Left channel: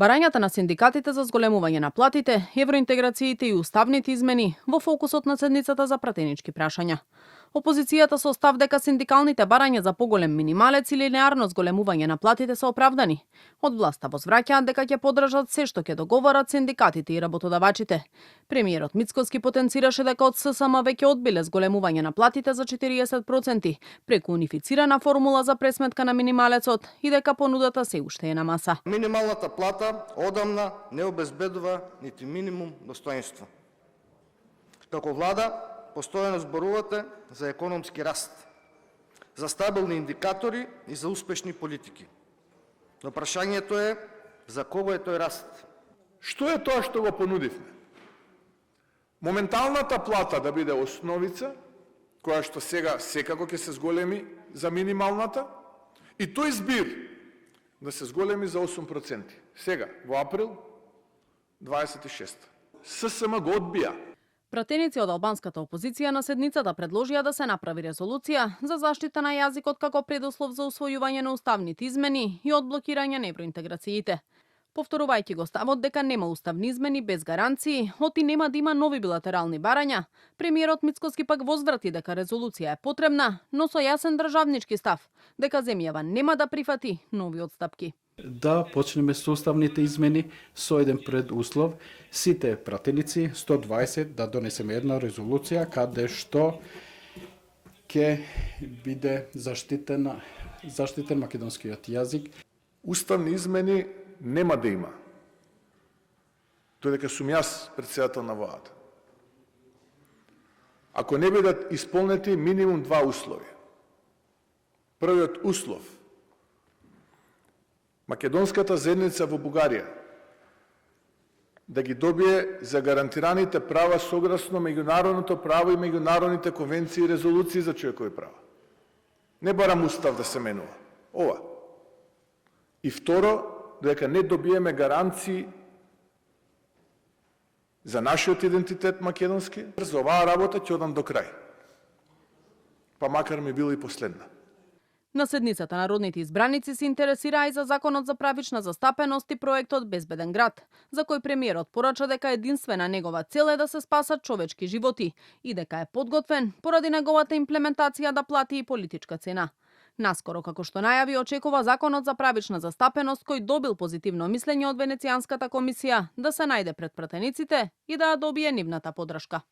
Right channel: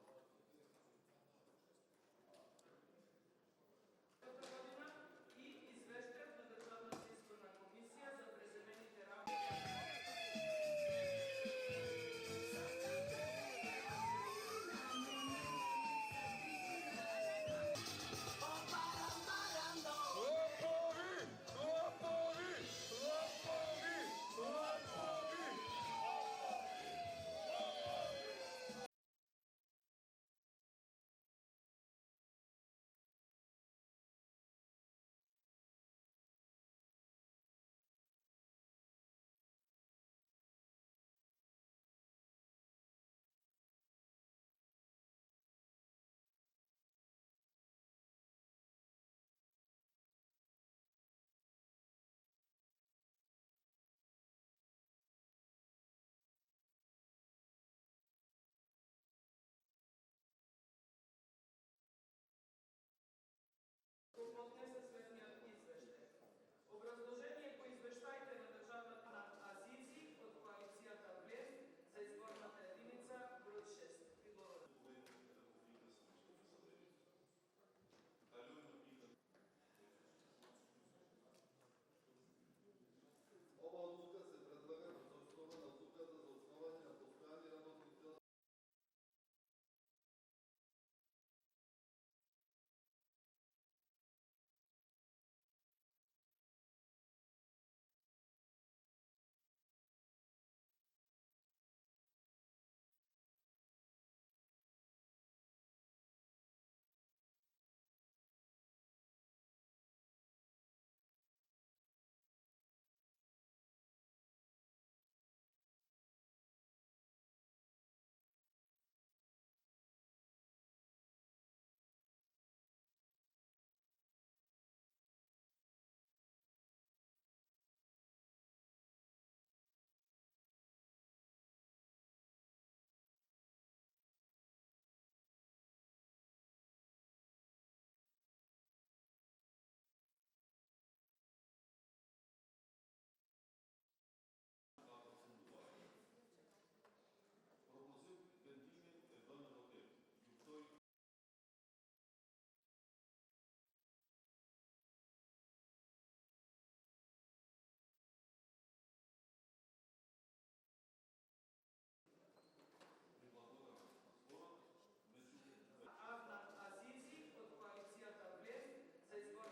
Барањата на синдикатите за зголемување на платите, евроинтеграциите и уставните измени во фокусот на седницата за пратенички прашања. Опозицијата со став дека синдикалните барања за поголем минималец или линеарно зголемување на платите се оправдани. Од власта возвраќаат дека ќе поддржат се што ќе договорат синдикатите и работодавачите. Премиерот Мицкоски потенцираше дека од ССМ веќе одбиле зголемување на платите за 40% преку унифицирана формула за пресметка на минималецот и дека понудата се уште е на маса. Минималната плата одамна не обезбедува нити минимум достоинство. Како влада постојано зборувате за економски раст, за стабилни индикатори и за успешни политики. Но прашањето е за кого е тој раст? Што е тоа што го понудивме? Моменталната плата да биде основица, која што сега секако ќе се зголеми за минималната, и тој збир да се зголеми за 8%. Сега, во април, 26. ССМ го одбија. Пратеници од албанската опозиција на седницата предложија да се направи резолуција за заштита на јазикот како предуслов за усвојување на уставните измени и одблокирање на евроинтеграциите. Повторувајќи го ставот дека нема уставни измени без гаранции, оти нема да има нови билатерални барања, премиерот Мицкоски пак возврати дека резолуција е потребна, но со јасен државнички став, дека земјава нема да прифати нови отстапки. Да почнеме со уставните измени со еден предуслов, сите пратеници 120 да донесеме една резолуција каде што ќе биде заштитен македонскиот јазик. Уставни измени нема да има. Тоа дека сум јас претседател на владата. Ако не бидат исполнети минимум два услови. Првиот услов – македонската заедница во Бугарија да ги добие загарантираните права согласно меѓународното право и меѓународните конвенции и резолуции за човекови права. Не барам устав да се менува. Ова. И второ, дека не добиеме гаранции за нашиот идентитет македонски, за оваа работа ќе одам до крај. Па макар ми била и последна. На седницата народните избраници се интересираа и за законот за правична застапеност и проектот Безбеден град, за кој премиерот порача дека единствена негова цел е да се спасат човечки животи и дека е подготвен поради неговата имплементација да плати и политичка цена. Наскоро, како што најави, очекува законот за правична застапеност кој добил позитивно мислење од Венецијанската комисија да се најде пред пратениците и да ја добие нивната поддршка.